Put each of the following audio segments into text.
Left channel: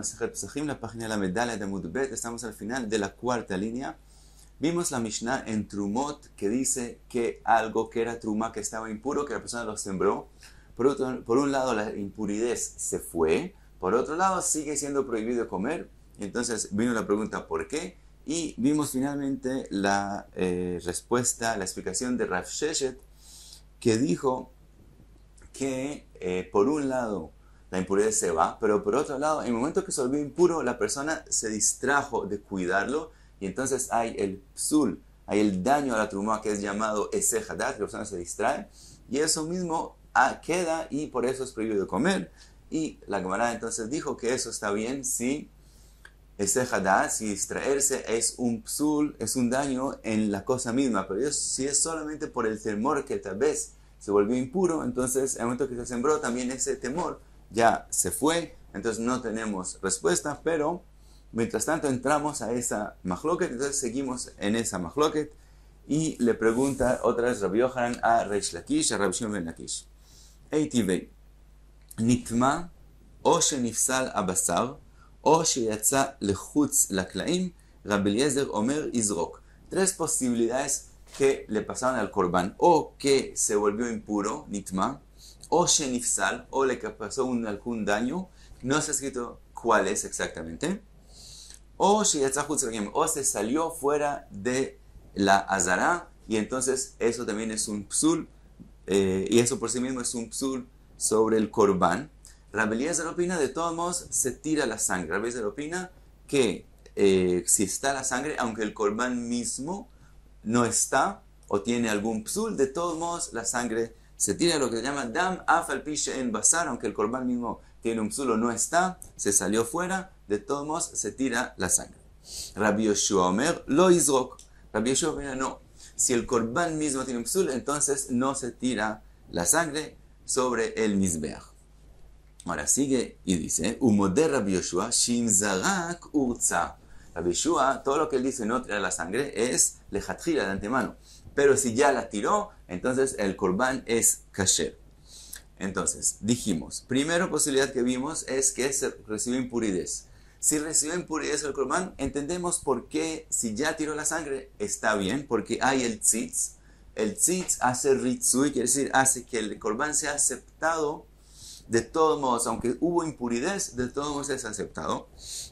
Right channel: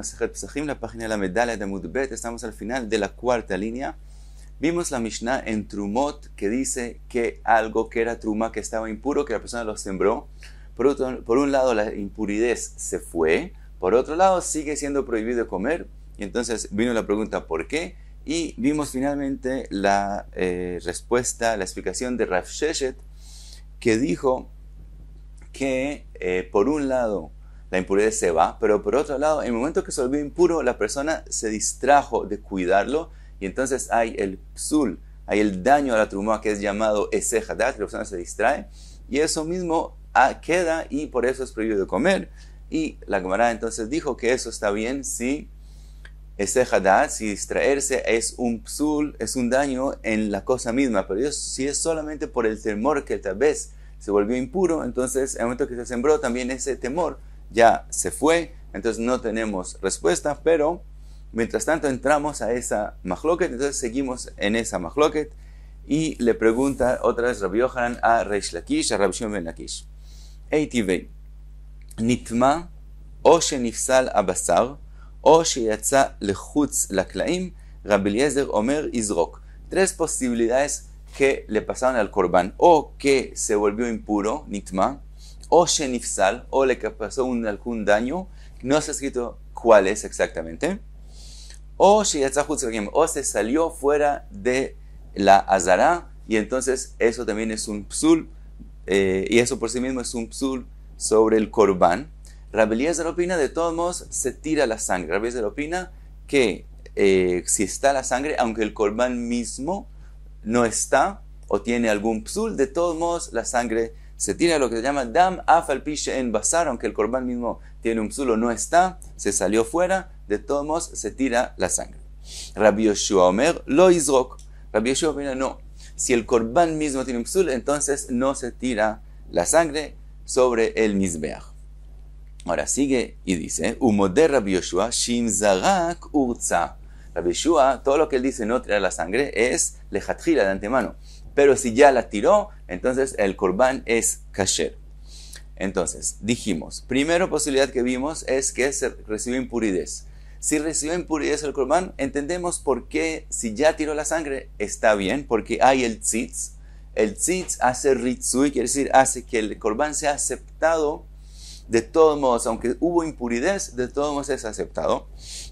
Masejet Pesachim, la página de la medalla de Mudbet. Estamos al final de la cuarta línea. Vimos la Mishnah en Trumot que dice que algo que era Truma, que estaba impuro, que la persona lo sembró. Por un lado la impurez se fue, por otro lado sigue siendo prohibido comer. Y entonces vino la pregunta ¿por qué? Y vimos finalmente la respuesta, la explicación de Rav Sheshet, que dijo que por un lado la impurez se va, pero por otro lado, en el momento que se volvió impuro, la persona se distrajo de cuidarlo, y entonces hay el psul, hay el daño a la trumá que es llamado esejadat, la persona se distrae, y eso mismo queda, y por eso es prohibido comer. Y la Gemara entonces dijo que eso está bien si esejadat, si distraerse es un psul, es un daño en la cosa misma, pero si es solamente por el temor que tal vez se volvió impuro, entonces en el momento que se sembró también ese temor ya se fue, entonces no tenemos respuesta, pero mientras tanto entramos a esa mahloket, entonces seguimos en esa mahloket, y le pregunta otra vez Rabbi Yohanan a Reish Lakish, a Rabbi Shimon ben Lakish, Eitivei, nitma, o shenifsal abasar, o sheyatza lechutz laklaim, Rabbi Eliezer omer izrok. Tres posibilidades que le pasaron al Corban: o que se volvió impuro, nitma, o shenifsal, o le pasó algún daño, no se ha escrito cuál es exactamente, o se salió fuera de la azara, y entonces eso también es un psul, y eso por sí mismo es un psul sobre el Corban. Rabbi Eliezer opina, de todos modos se tira la sangre. Rabbi Eliezer opina que si está la sangre, aunque el Corban mismo no está o tiene algún psul, de todos modos la sangre se tira, lo que se llama dam afal pishe en basar, aunque el Corban mismo tiene un psul o no está, se salió fuera, de todos modos se tira la sangre. Rabbi Yoshua omer lo izrok. Rabbi Yoshua opina, no, si el Corban mismo tiene un psul, entonces no se tira la sangre sobre el mizbeach. Ahora sigue y dice, umoder Rabbi Yoshua shim zarak urza. Rabbi Yoshua, todo lo que él dice no tirar la sangre es lejatjila, de antemano, pero si ya la tiró, entonces el Corban es kasher. Entonces dijimos, primera posibilidad que vimos es que se recibió impurez. Si recibió impurez el Corban, entendemos por qué, si ya tiró la sangre, está bien, porque hay el tzitz. El tzitz hace ritzui, quiere decir, hace que el Corban sea aceptado. De todos modos, aunque hubo impurez, de todos modos es aceptado.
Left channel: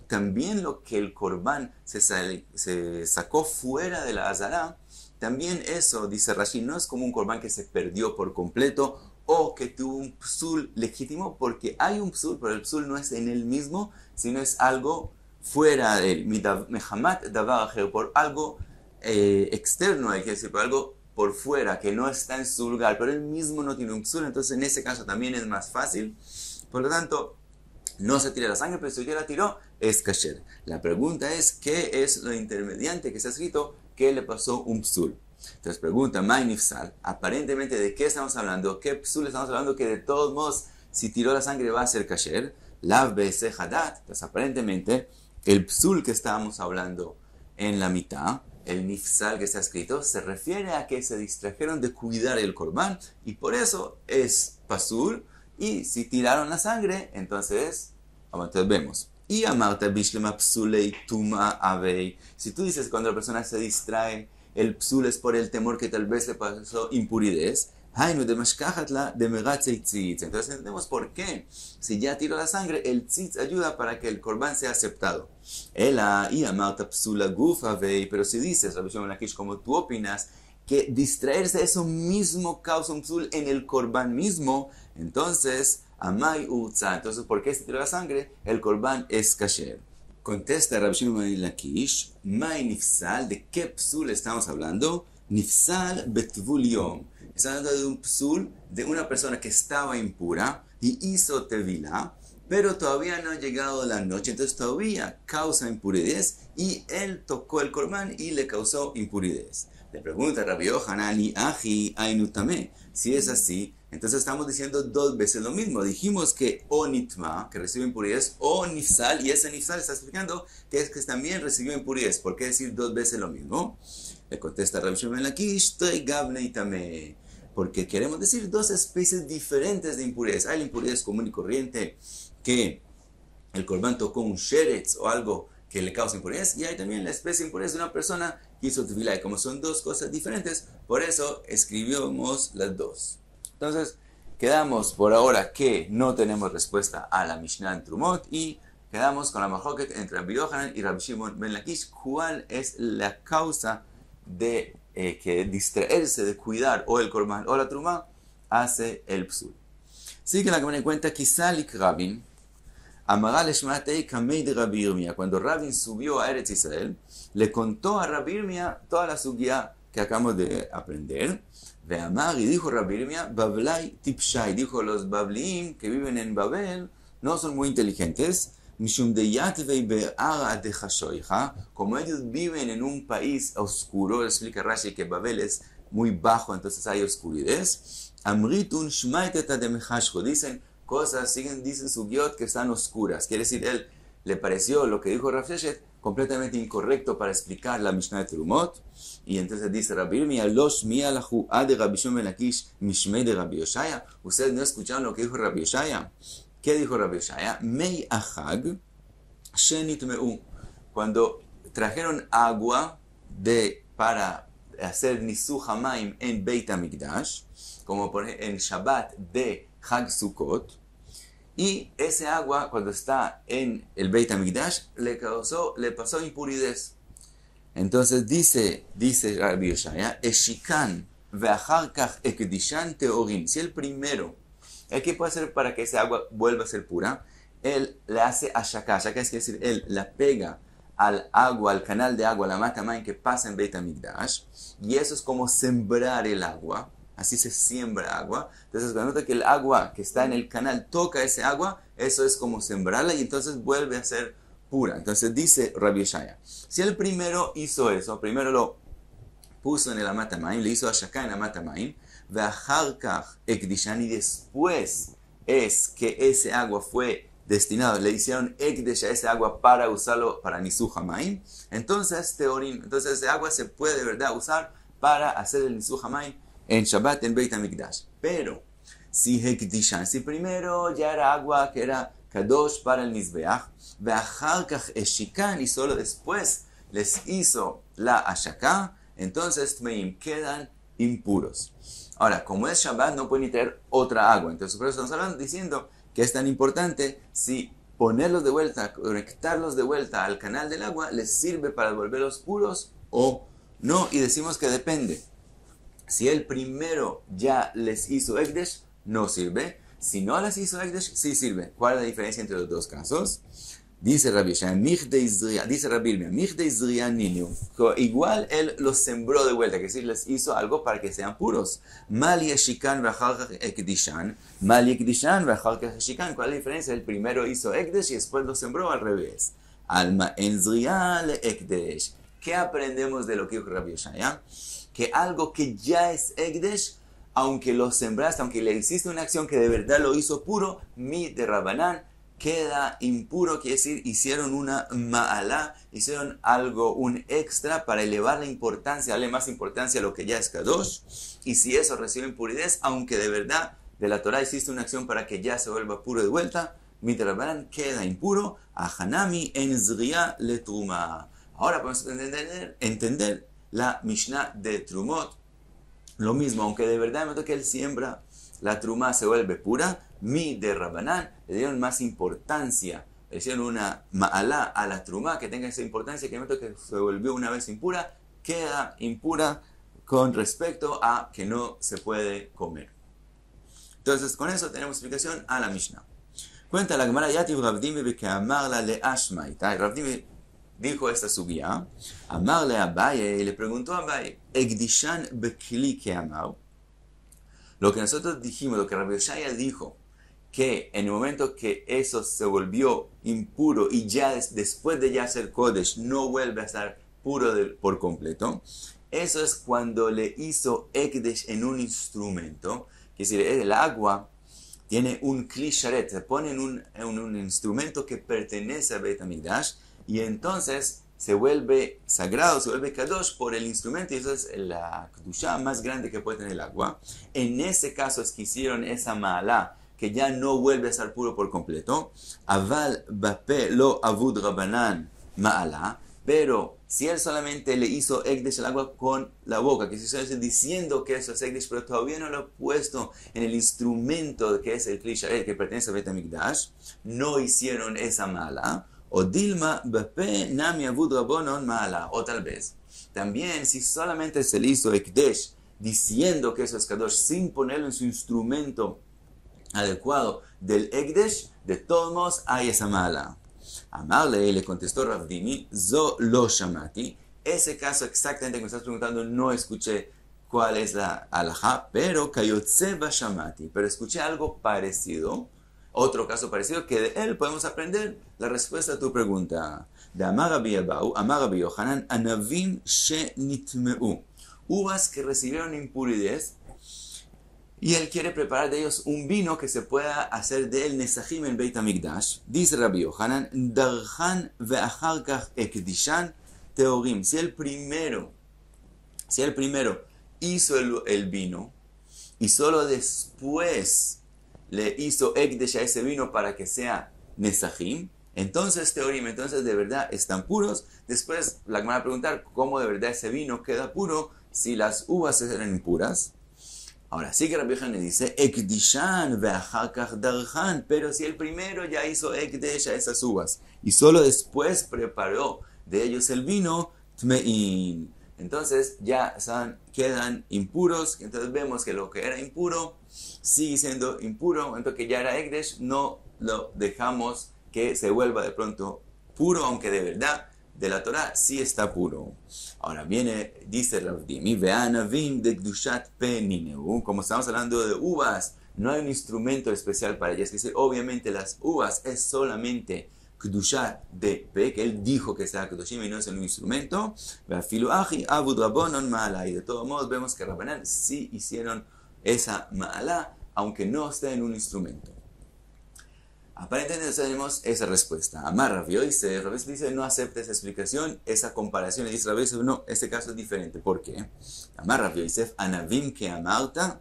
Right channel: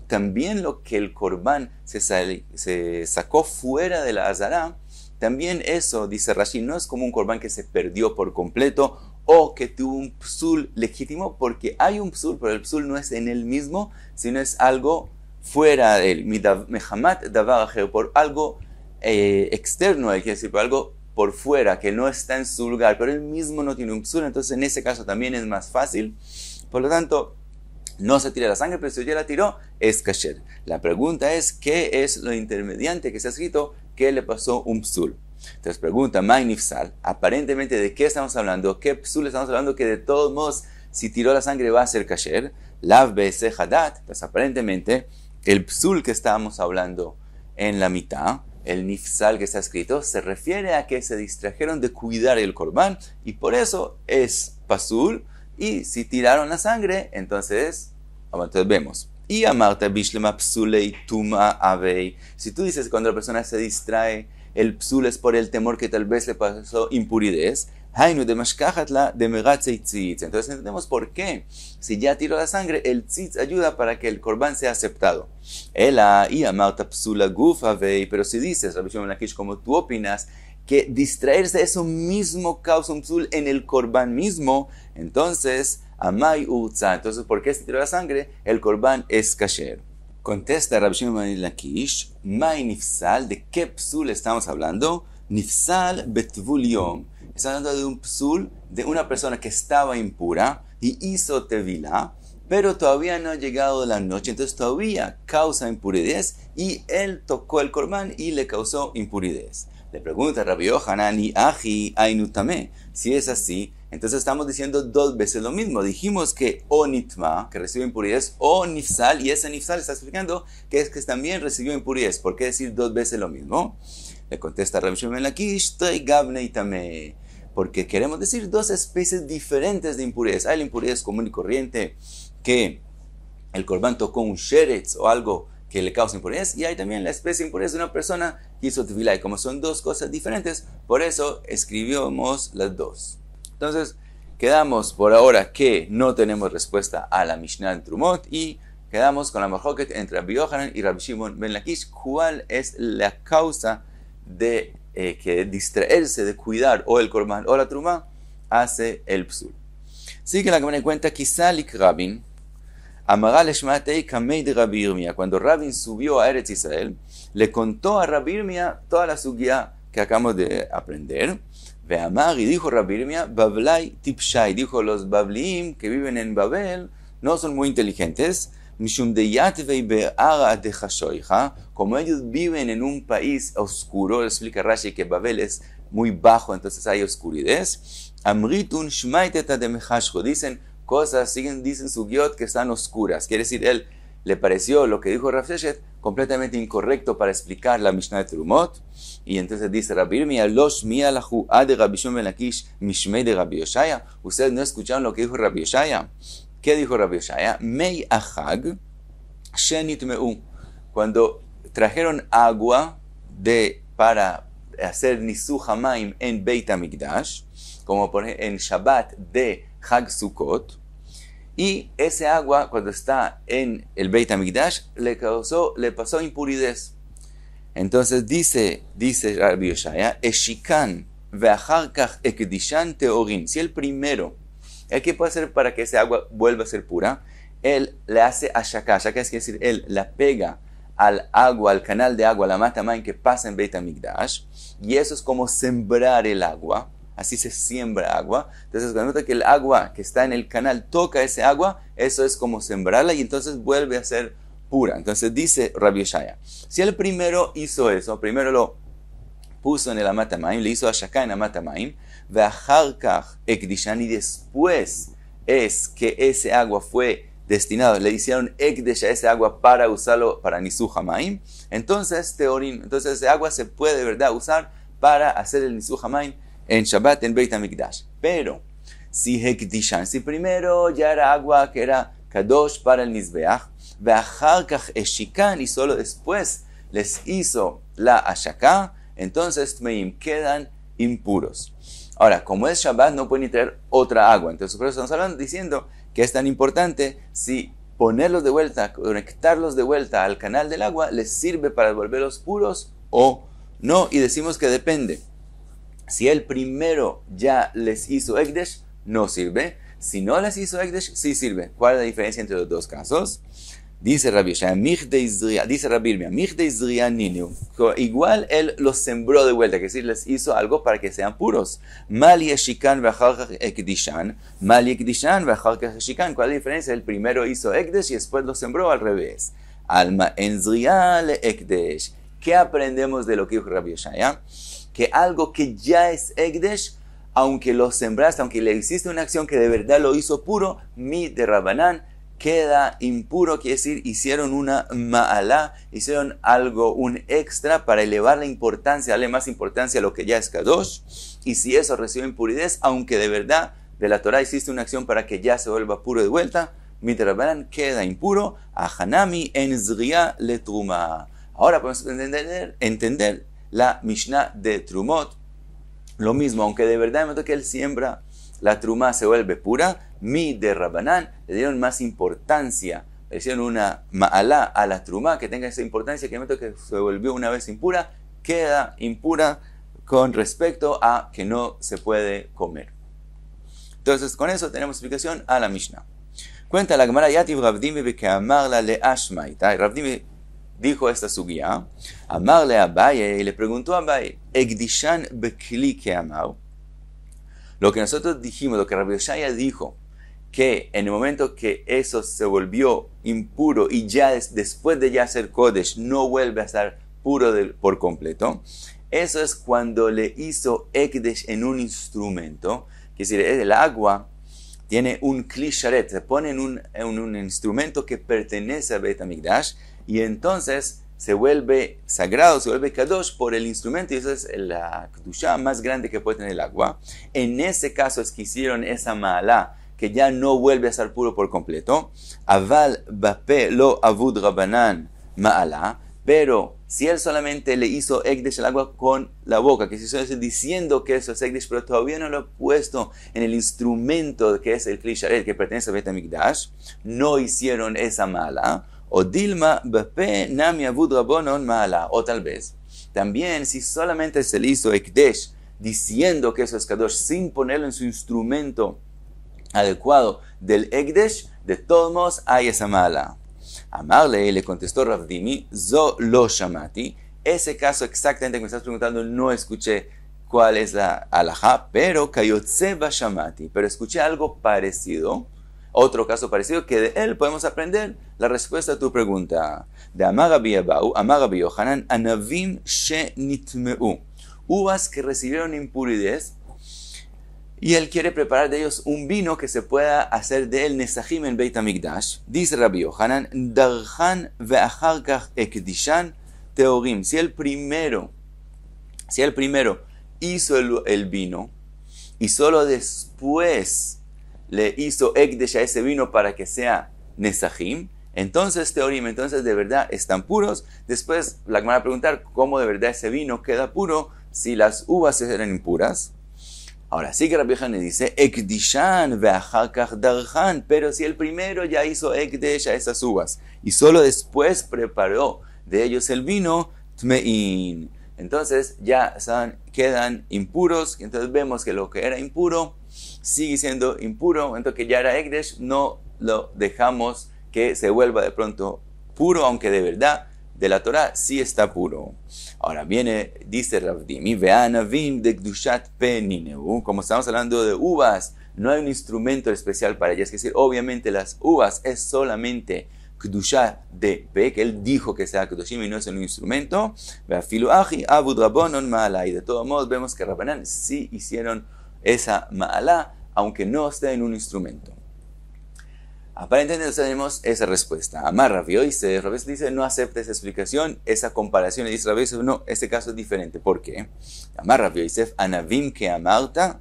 También lo que el Corban se sacó fuera de la azara, también eso, dice Rashi, no es como un Corban que se perdió por completo o que tuvo un psul legítimo, porque hay un psul, pero el psul no es en él mismo, sino es algo fuera de él, mehamat davar ajer, por algo externo, quiere decir, por algo por fuera, que no está en su lugar, pero él mismo no tiene un psul, entonces en ese caso también es más fácil. Por lo tanto, no se tira la sangre, pero si ya la tiró, es kasher. La pregunta es, ¿qué es lo intermediante que se ha escrito que le pasó un psul? Entonces pregunta, Mainifsal, aparentemente, ¿de qué estamos hablando? ¿Qué psul estamos hablando? Que de todos modos, si tiró la sangre va a ser kasher. Lav be'eseh hadat, pues aparentemente, el psul que estábamos hablando en la mitad, el nifsal que está escrito, se refiere a que se distrajeron de cuidar el Corban, y por eso es pasul, y si tiraron la sangre, entonces vemos. Y amarta bishlema psulei tuma avei. Si tú dices que cuando la persona se distrae, el psul es por el temor que tal vez le pasó impurez, hainu de mashkachatla de megatzei tzitz. Entonces entendemos por qué. Si ya tiró la sangre, el tzitz ayuda para que el Corban sea aceptado. Ela y amarta psula gufa vei. Pero si dices, Rabbi Shimon ben Lakish, como tú opinas, que distraerse eso mismo causa un psul en el Corban mismo, entonces amai urza. Entonces, ¿por qué se tiró la sangre? El Corban es kasher. Contesta Rabbi Shimon ben Lakish, mai nifsal, ¿de qué psul estamos hablando? Nifsal betvul yom. Está hablando de un psul de una persona que estaba impura y hizo tevilá, pero todavía no ha llegado la noche, entonces todavía causa impurez, y él tocó el Corban y le causó impurez. Le pregunta Rabbi Yohanan y Aji Ainutame, si es así, entonces estamos diciendo dos veces lo mismo. Dijimos que o nitma, que recibió impurez, o nifsal, y ese nifsal está explicando que es que también recibió impurez. ¿Por qué decir dos veces lo mismo? Le contesta Rabbi Shimon ben Lakish, porque queremos decir dos especies diferentes de impurez. Hay la impurez común y corriente que el corbán tocó un sheretz o algo que le causa impurez, y hay también la especie de impurez de una persona que hizo tefilá, y como son dos cosas diferentes, por eso escribimos las dos. Entonces, quedamos por ahora que no tenemos respuesta a la Mishnah en Trumot, y quedamos con la mahloket entre Rabbi Yohanan y Rabbi Shimon ben Lakish. ¿Cuál es la causa de que distraerse de cuidar o el korban o la trumá hace el psul? Así que la Gemara cuenta, Kisalik Rabin, Amagal Eshmatei Kamei de Rabbi Yirmiyah. Cuando Rabin subió a Eretz Israel, le contó a Rabbi Yirmiyah toda la sugya que acabamos de aprender. Ve'amar, y dijo Rabbi Yirmiyah, Bablai Tipshai, dijo, los Babliim que viven en Babel no son muy inteligentes, Mishum de Yatvei Be'ara de Hashoiha, como ellos viven en un país oscuro, explica Rashi que Babel es muy bajo, entonces hay oscuridad. Amritun Shmaiteta de Mechashcho, dicen cosas, dicen sugiot que están oscuras. Quiere decir, él le pareció lo que dijo Rav Sheshet completamente incorrecto para explicar la Mishnah de Trumot. Y entonces dice Rabbi Yirmiyah, Losh mialahu ad Rabbi Shimon ben Lakish mishmei de Rabbi Yoshaya. Ustedes no escucharon lo que dijo Rabbi Yoshaya. ¿Qué dijo Rabbi Yoshaya? Mei ahag shenitmeu. Cuando trajeron agua para hacer nisuch hamayim en Beit HaMikdash, como en Shabbat de Hag Sukkot, y ese agua cuando está en el Beit HaMikdash le pasó impuridad. Entonces dice Rabbi Yoshaya, Eshikan ve'achar kach ekdishan teorin. Si el primero, ¿qué puede hacer para que ese agua vuelva a ser pura? Él le hace ashaka. Ashaka es decir, él la pega al agua, al canal de agua, la matamayim que pasa en Beit HaMikdash, y eso es como sembrar el agua. Así se siembra agua. Entonces, cuando nota que el agua que está en el canal toca ese agua, eso es como sembrarla y entonces vuelve a ser pura. Entonces dice Rabbi Yoshaya, si el primero hizo eso, primero lo puso en el Amatamaim, le hizo Ashaka en Amatamaim, ve'acharkach ekdishan, y después es que ese agua fue destinado, le hicieron ekdesh a ese agua para usarlo para nisuch hamayim, entonces teorim, entonces ese agua se puede de verdad usar para hacer el nisuch hamayim en Shabbat en Beit HaMikdash. Pero si hekdishan, si primero ya era agua que era kadosh para el Mizbeach, ve'acharkach eshikan, y solo después les hizo la ashaka, entonces tmeim, quedan impuros. Ahora, como es Shabbat, no pueden traer otra agua. Entonces, por eso estamos hablando, diciendo que es tan importante si ponerlos de vuelta, conectarlos de vuelta al canal del agua, les sirve para volverlos puros o no. Y decimos que depende. Si el primero ya les hizo Ekdesh, no sirve. Si no les hizo Ekdesh, sí sirve. ¿Cuál es la diferencia entre los dos casos? Dice Rabbi Yoshaya, dice Rabbi Yirmiyah, igual él los sembró de vuelta, que decir, les hizo algo para que sean puros. Mali eshikan ve'acharkach ekdishan, mali ekdishan ve'acharkach eshikan. ¿Cuál es la diferencia? El primero hizo Ekdesh y después lo sembró al revés. Alma en zriya le Ekdesh. ¿Qué aprendemos de lo que dijo Rabbi Yoshaya? Que algo que ya es Ekdesh, aunque lo sembraste, aunque le hiciste una acción que de verdad lo hizo puro, mi de Rabanán, queda impuro, quiere decir, hicieron una ma'alá, hicieron algo, un extra para elevar la importancia, darle más importancia a lo que ya es kadosh, y si eso recibe impuridad, aunque de verdad de la Torah hiciste una acción para que ya se vuelva puro de vuelta, mitrabanan queda impuro, a hanami en zriya le truma. Ahora podemos entender la Mishnah de Trumot, lo mismo, aunque de verdad en el momento que él siembra, la truma se vuelve pura, mi de Rabanán, le dieron más importancia, le hicieron una ma'alá a la truma que tenga esa importancia, que en el momento que se volvió una vez impura, queda impura con respecto a que no se puede comer. Entonces, con eso tenemos explicación a la Mishnah. Cuenta la Gemara, Yativ Ravdimi que amarla le ashmaita. Ravdimi dijo esta sugya, amarle a Abaye, y le preguntó a Abaye, Egdishan bekli que amar. Lo que nosotros dijimos, lo que Rabbi Yoshaya dijo, que en el momento que eso se volvió impuro y ya después de ya ser Kodesh no vuelve a estar puro por completo, eso es cuando le hizo Ekdesh en un instrumento, que es decir, el agua tiene un kli sharet, se pone en un instrumento que pertenece a Beit HaMikdash, y entonces se vuelve sagrado, se vuelve kadosh por el instrumento, y eso es la kedusha más grande que puede tener el agua. En ese caso es que hicieron esa ma'alá, que ya no vuelve a estar puro por completo. Aval bape lo avud rabanan ma'ala. Pero si él solamente le hizo ekdesh al agua con la boca, que se está diciendo que eso es ekdesh, pero todavía no lo ha puesto en el instrumento que es el kli sharet, que pertenece a Bet HaMikdash, no hicieron esa mala. O dilma bape nami avud rabonon ma'ala. O tal vez, también si solamente se le hizo ekdesh, diciendo que eso es kadosh, sin ponerlo en su instrumento adecuado del ekdesh, de todos modos hay esa mala. Amarle le contestó Rav Dimi, zo lo shamati. Ese caso exactamente que me estás preguntando no escuché cuál es la alajá, pero kayotze ba shamati. Pero escuché algo parecido, otro caso parecido, que de él podemos aprender la respuesta a tu pregunta. De Amar Rabbi Yohanan, anavim she nitmeu. Uvas que recibieron impurez, y él quiere preparar de ellos un vino que se pueda hacer de él nesajim en Beit HaMikdash. Dice Rabbi Yohanan, darhan ve'achar kach ekdishan teorim. Si el primero hizo el vino y solo después le hizo ekdesh a ese vino para que sea nesajim, entonces teorim, entonces de verdad están puros. Después la Gemara va a preguntar cómo de verdad ese vino queda puro si las uvas eran impuras. Ahora sí que Rabbi Yohanan dice, ekdishan ve'achar kach darhan, pero si el primero ya hizo ekdesh a esas uvas y solo después preparó de ellos el vino, tmein, entonces ya quedan impuros. Entonces vemos que lo que era impuro sigue siendo impuro, entonces que ya era ekdesh, no lo dejamos que se vuelva de pronto puro, aunque de verdad de la Torah sí está puro. Ahora dice Rav Dimi, ve'anavim de kdushat penineu, como estamos hablando de uvas, no hay un instrumento especial para ellas, es decir, obviamente las uvas es solamente kdushat de pe, que él dijo que sea kdoshim y no es un instrumento, ve'afilu achi avud rabonon ma'ala, y de todos modos vemos que Rabbanan sí hicieron esa ma'ala, aunque no esté en un instrumento. Aparentemente tenemos esa respuesta. Amar Rav Yosef, Rav Yosef dice, no acepta esa explicación, esa comparación, y dice Rav Yosef, no, este caso es diferente. ¿Por qué? Amar Rav Yosef, anavim que amarta,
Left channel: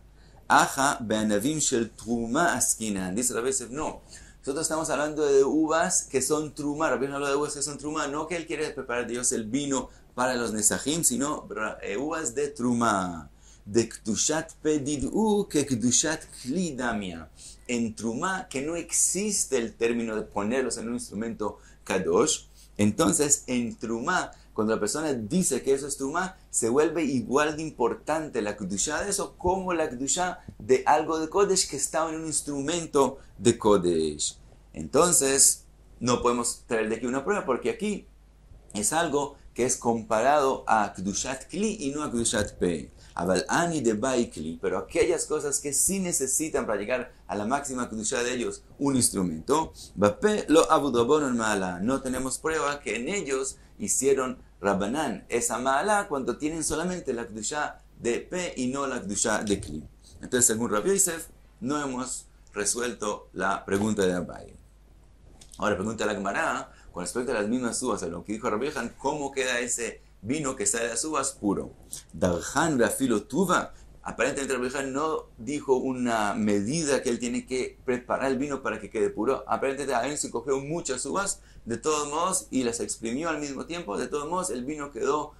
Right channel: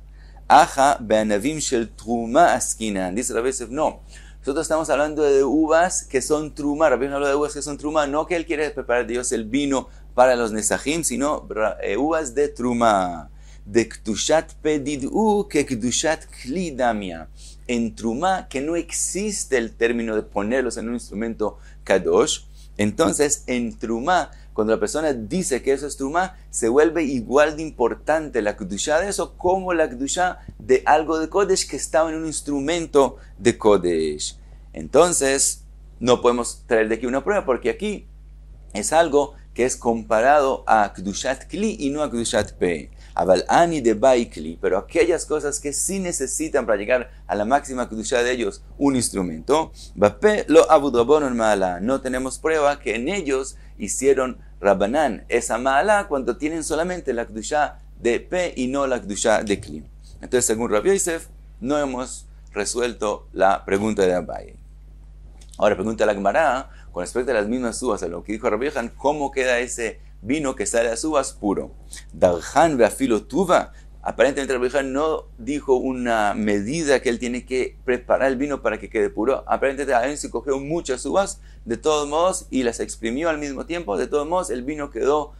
aja beanavim shel truma askinan. Dice Rav Yosef, no, nosotros estamos hablando de uvas que son truma. Rav Yosef habla de uvas que son truma, no que él quiere preparar de Dios el vino para los nesajim, sino uvas de truma. De kdushat pedidu que kdushat klidamia. En trumá, que no existe el término de ponerlos en un instrumento kadosh, entonces en trumá, cuando la persona dice que eso es trumá, se vuelve igual de importante la kedushá de eso como la kedushá de algo de kodesh que estaba en un instrumento de kodesh. Entonces no podemos traer de aquí una prueba, porque aquí es algo que es comparado a kedushat kli y no a kedushat pe. Aval ani de bai kli, pero aquellas cosas que sí necesitan para llegar a la máxima kedusha de ellos un instrumento, bape lo avud rabonon ma'ala, no tenemos prueba que en ellos hicieron Rabbanan esa ma'ala cuando tienen solamente la kedusha de pe y no la kedusha de kli. Entonces, según Rabbi Yosef, no hemos resuelto la pregunta de Abaye. Ahora pregunta la Gemara con respecto a las mismas uvas, a lo que dijo Rabbi Yohanan, ¿cómo queda ese vino que sale de las uvas puro? Darhan ve'afilo tuva. Aparentemente Rabbi Yohanan no dijo una medida que él tiene que preparar el vino para que quede puro. Aparentemente él se cogió muchas uvas de todos modos y las exprimió al mismo tiempo. De todos modos el vino quedó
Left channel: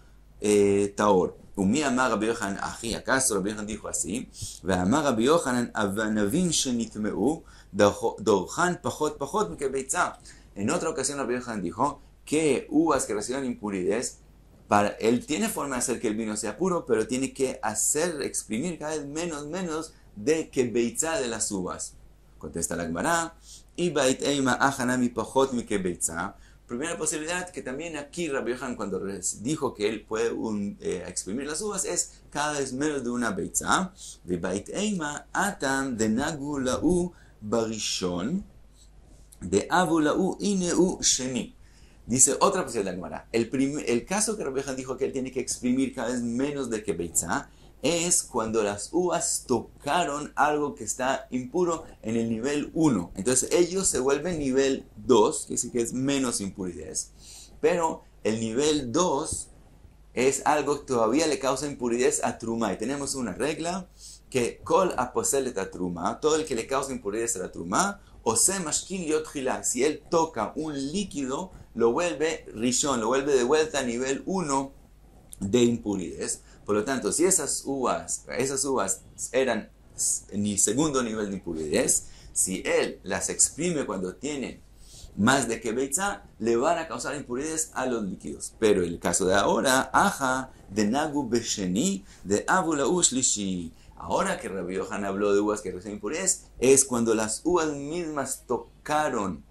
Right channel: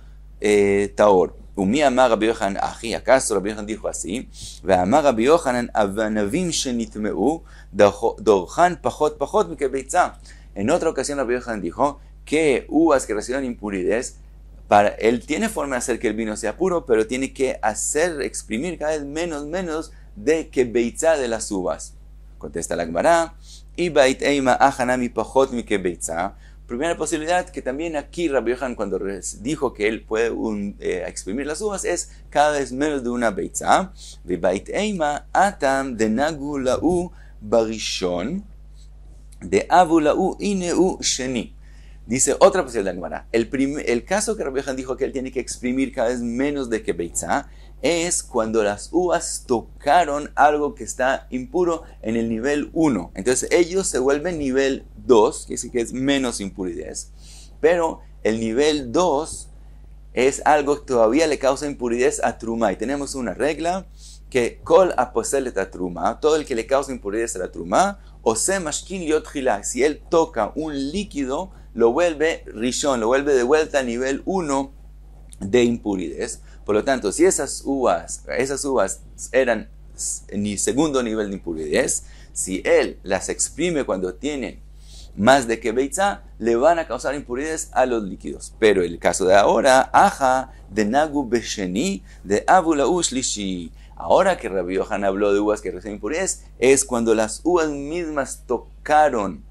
taor. Umi amar Rabbi Yohanan achi, ¿acaso Rabbi Yohanan dijo así? Ve'amar Rabbi Yohanan avanavim shenitmeu dorhan pachot pachot mikebeitzah. En otra ocasión Rabbi Yohanan dijo que uvas que recibieron impurez, él tiene forma de hacer que el vino sea puro, pero tiene que exprimir cada vez menos de que beitzá de las uvas. Contesta la Gemara, y bait eima ajanami pachot mi que beitzá. Primera posibilidad que también aquí Rabbi Yohanan cuando dijo que él puede exprimir las uvas es cada vez menos de una beitzá. Vi bait eima atam de nagu lau barishon de avu lau ineu sheni. Dice otra posibilidad de la Gemara. El caso que Rabbi Yohanan dijo que él tiene que exprimir cada vez menos de que beitzá es cuando las uvas tocaron algo que está impuro en el nivel 1. Entonces ellos se vuelven nivel 2, que sí que es menos impurez. Pero el nivel 2 es algo que todavía le causa impuridad a truma. Y tenemos una regla que kol aposelet a truma, todo el que le causa impuridad a la truma, o se mashkin liot chila, si él toca un líquido, lo vuelve rishon, lo vuelve de vuelta a nivel 1 de impuridad. Por lo tanto, si esas uvas eran en el segundo nivel de impuridad, si él las exprime cuando tiene más de que beitza, le van a causar impuridades a los líquidos. Pero el caso de ahora, aja de nagu besheni de avula ushlishi. Ahora que Rabbi Yohan habló de uvas que reciben impurezas, es cuando las uvas mismas tocaron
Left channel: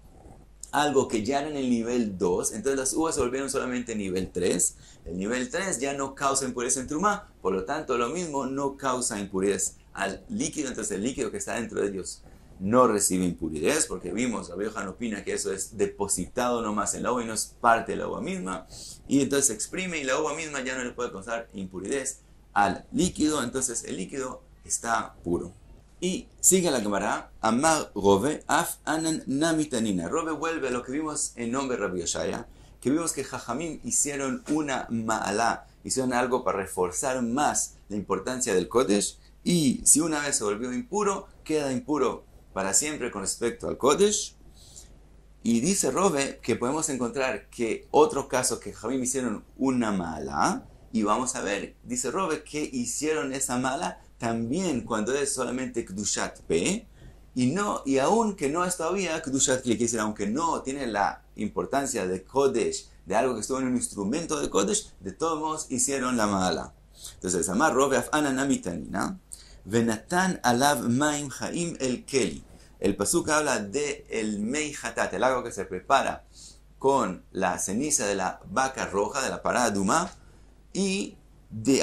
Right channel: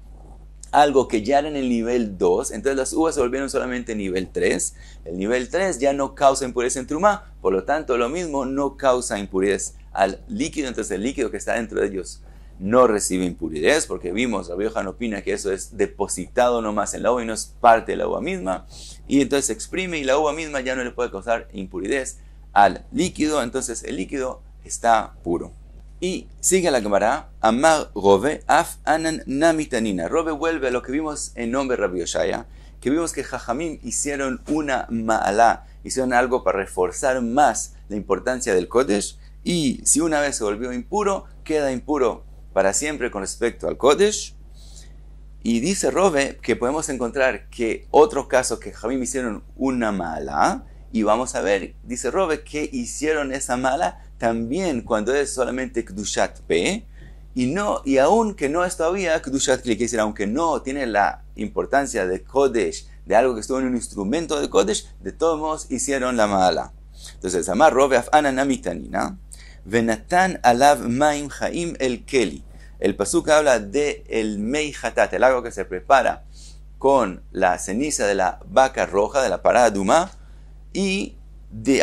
algo que ya era en el nivel 2, entonces las uvas se volvieron solamente nivel 3. El nivel 3 ya no causa impureza en trumá, por lo tanto lo mismo no causa impureza al líquido, entonces el líquido que está dentro de ellos no recibe impurezas, porque vimos, Rabbi Yohan opina que eso es depositado nomás en la uva y no es parte de la uva misma, y entonces se exprime y la uva misma ya no le puede causar impurezas al líquido, entonces el líquido está puro. Y sigue la Gemara, Amar Rove, Af Anan Namitanina. Rove vuelve a lo que vimos en nombre de Rabbi Yoshaya, que vimos que Jajamim hicieron una ma'alá, hicieron algo para reforzar más la importancia del Kodesh, y si una vez se volvió impuro, queda impuro para siempre con respecto al Kodesh. Y dice Rove que podemos encontrar que otro caso que Jajamim hicieron una ma'alá, y vamos a ver, dice Rove, que hicieron esa ma'alá también cuando es solamente Kedushat P, y aún que no es todavía Kedushat Kli, que decir, aunque no tiene la importancia de Kodesh, de algo que estuvo en un instrumento de Kodesh, de todos modos hicieron la ma'ala. Entonces, Amar Rove Afana Namitanina, Venatan Alav Maim Chaim El Keli. El pasuk habla de el Mei Hatat, el agua que se prepara con la ceniza de la vaca roja, de la parada Duma, y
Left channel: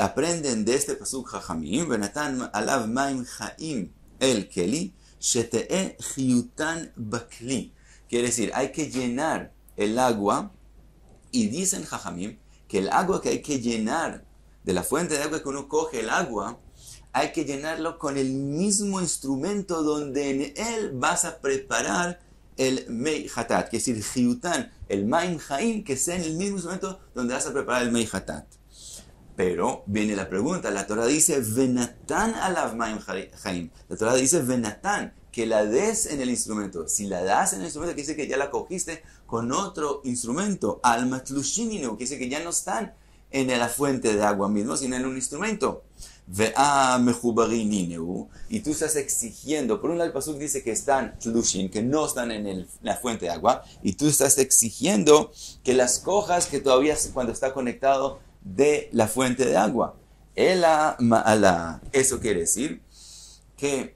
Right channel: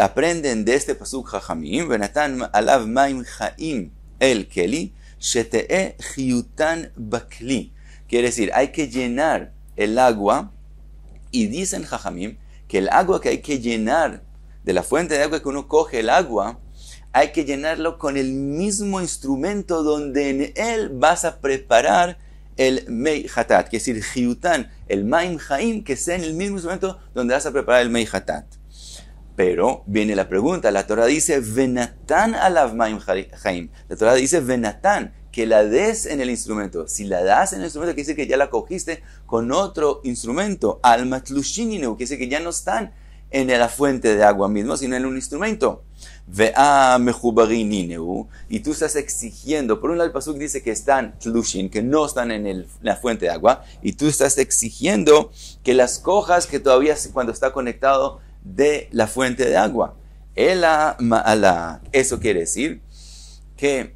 aprenden de este pasuk Jajamim, Venatan alav maim chaim el keli, shete'e chiyutan bakli. Quiere decir, hay que llenar el agua, y dicen Jajamim que el agua que hay que llenar, de la fuente de agua que uno coge el agua, hay que llenarlo con el mismo instrumento donde en él vas a preparar el mei hatat, que es decir, chiyutan, el maim chaim, que sea en el mismo instrumento donde vas a preparar el mei hatat. Pero viene la pregunta, la Torah dice Venatan alav maim chaim. La Torah dice Venatan, que la des en el instrumento. Si la das en el instrumento, quiere decir que ya la cogiste con otro instrumento. Al matlushininu, quiere decir que ya no están en la fuente de agua mismo, sino en un instrumento. Vea mechubarininu, y tú estás exigiendo, por un lado el pasuk dice que están tlushin, que no están en la fuente de agua, y tú estás exigiendo que las cojas que todavía cuando está conectado de la fuente de agua. Eso quiere decir que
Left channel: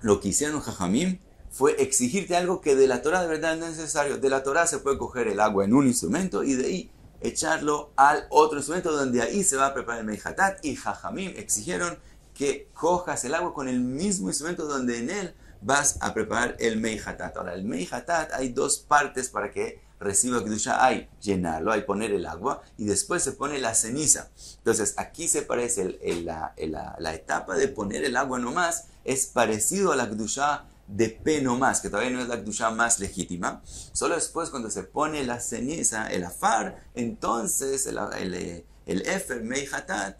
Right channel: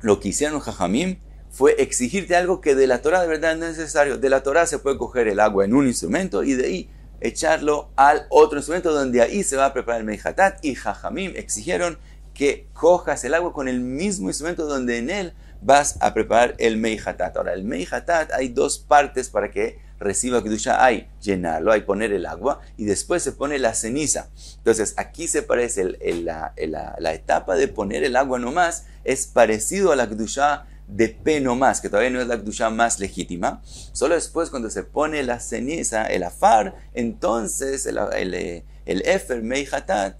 lo que hicieron Jajamim fue exigirte algo que de la Torah de verdad no es necesario. De la Torah se puede coger el agua en un instrumento y de ahí echarlo al otro instrumento donde ahí se va a preparar el Mei Hatat, y Jajamim exigieron que cojas el agua con el mismo instrumento donde en él vas a preparar el Mei Hatat. Ahora, el Mei Hatat hay dos partes para que reciba Kedusha. Hay llenarlo, hay poner el agua y después se pone la ceniza. Entonces aquí se parece la etapa de poner el agua nomás, es parecido a la Kedusha de P nomás, que todavía no es la Kedusha más legítima. Solo después cuando se pone la ceniza, el afar, entonces el Efer Mei Hatat,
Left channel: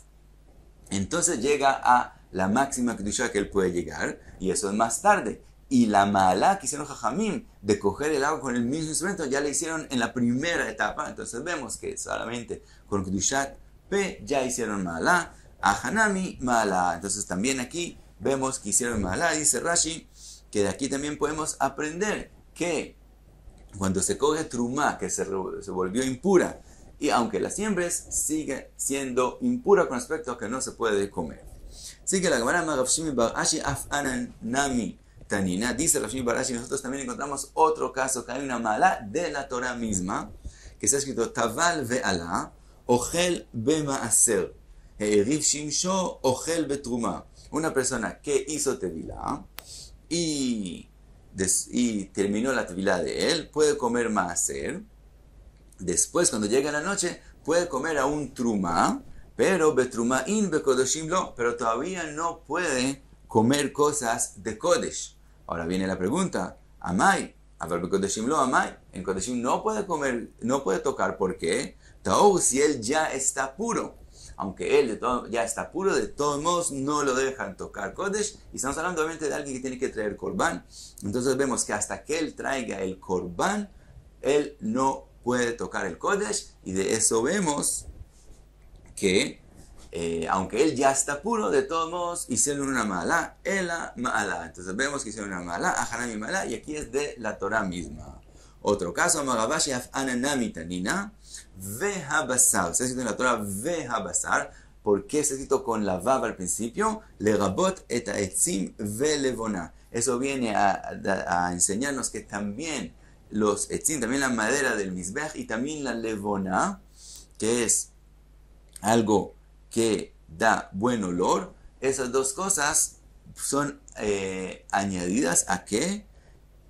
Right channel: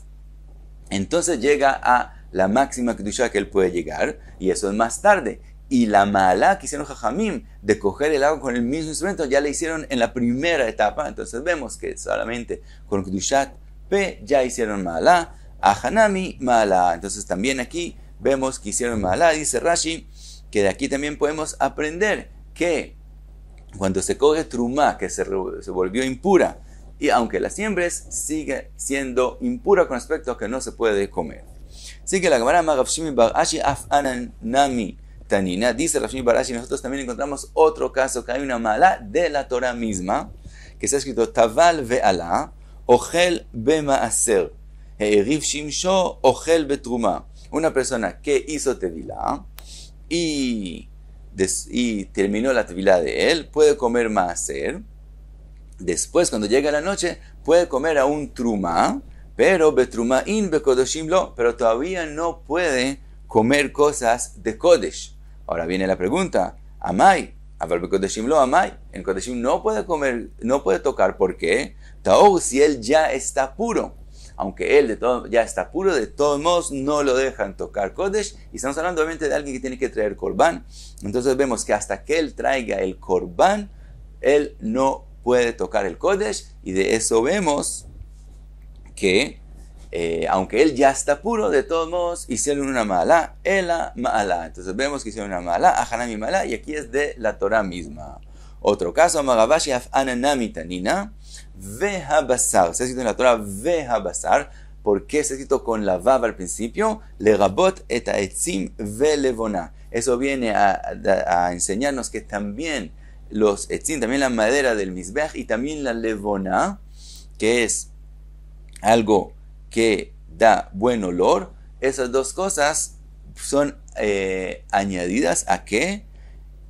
entonces llega a la máxima Kedusha que él puede llegar, y eso es más tarde. Y la ma'alá que hicieron Jajamim de coger el agua con el mismo instrumento ya la hicieron en la primera etapa. Entonces vemos que solamente con Kedushat P ya hicieron ma'alá, a Hanami ma'alá. Entonces también aquí vemos que hicieron ma'alá. Dice Rashi que de aquí también podemos aprender que cuando se coge trumá que se volvió impura, y aunque la siembres, sigue siendo impura con respecto a que no se puede comer. Sigue la Gemara Rav Shimi bar Ashi af anan nami Tanina, dice Rav Shimi bar Ashi, nosotros también encontramos otro caso que hay una mala de la Torah misma, que está escrito Taval ve'ala, Ochel bema'aser, He'eriv shimsho, Ochel betruma. Una persona que hizo tevilá y terminó la tevilá de él, puede comer ma'aser. Después, cuando llega la noche, puede comer a un truma, pero betrumain bekodoshim lo, pero todavía no puede comer cosas de kodesh. Ahora viene la pregunta, Amai, En Kodeshim no puede comer, no puede tocar, ¿por qué? Taor, si él ya está puro. Aunque él ya está puro, de todos modos no lo dejan tocar Kodesh. Y estamos hablando obviamente de alguien que tiene que traer Korban. Entonces vemos que hasta que él traiga el Korban, él no puede tocar el Kodesh. Y de eso vemos que aunque él ya está puro, de todos modos hicieron una ma'alá, ela ma'alá. Entonces vemos que hicieron una ma'alá, ajanami ma'alá, y aquí es de la Torah misma. Otro caso, Magabashi af'ananami tanina, vehabasar. Se ha escrito en la Torah vehabasar. ¿Por qué se ha escrito con la vav al principio? Legabot et ha'etzim velevona. Eso viene a enseñarnos que también los etzim, también la madera del mizbech y también la levona, que es algo que da buen olor, esas dos cosas son añadidas a ¿qué?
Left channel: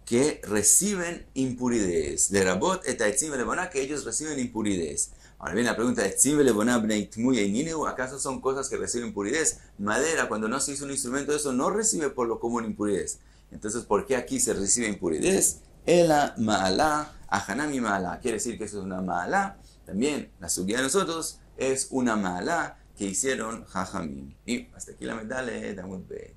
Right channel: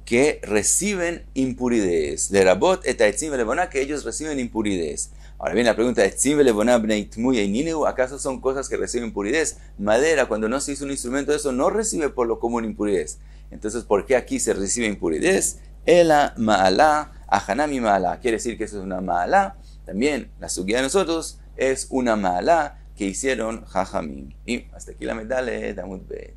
Que reciben impuridades. Lerabot et ha'etzim velevona, que ellos reciben impuridades. Ahora bien, la pregunta es, ¿acaso son cosas que reciben impuridades? Madera, cuando no se hizo un instrumento, eso no recibe por lo común impuridades. Entonces, ¿por qué aquí se recibe impuridades? Ela ma'alá, ajanami ma'alá. Quiere decir que eso es una ma'alá. También la sugía de nosotros es una ma'alá que hicieron jajamim. Y hasta aquí la medale de Amud Bet.